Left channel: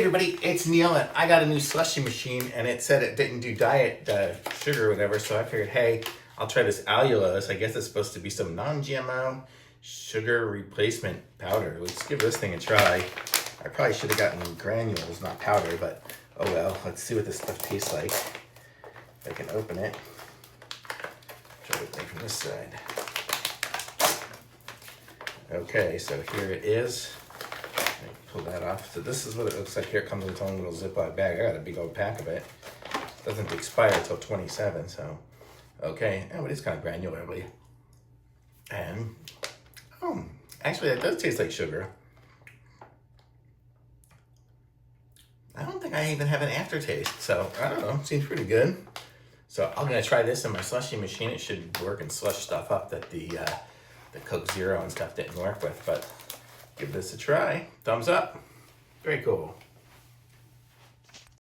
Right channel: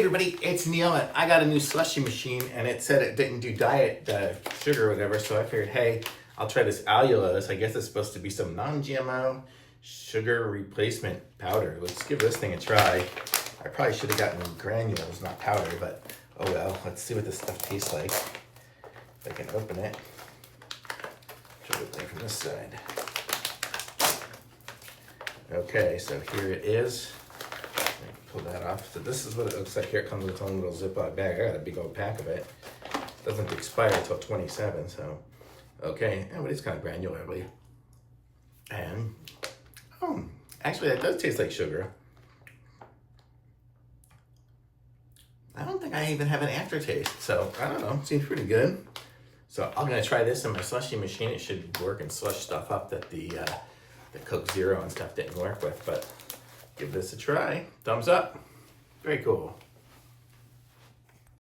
everybody, it's Neil, and I got a new slushy machine, and it said it didn't do diet sugar or whatever, so I figured, hey, I'll try this allulose. I guess it's supposed to be some non-GMO sugar replacement powder. Let's give this thing a try. I probably should have gotten granules, not powder, but oh well. Let's see what this stuff tastes like. If I can open it. Try to open it from this side. Okay, so here it is. Pull that off. So this is what it looks like. Here it comes with its own little Ziploc bag. I got a big old pack of it. Doesn't expire until 27, so okay. Oh, but it's kind of granularly. And oh, actually that does taste like sugar. I don't think I even have an aftertaste, so I don't know. Seems pretty good. So I'm gonna try this in my slushy machine. It should work and slush stuff up that the Coke Zero and stuff didn't work with, but give this a try. Thumbs up. Very cool.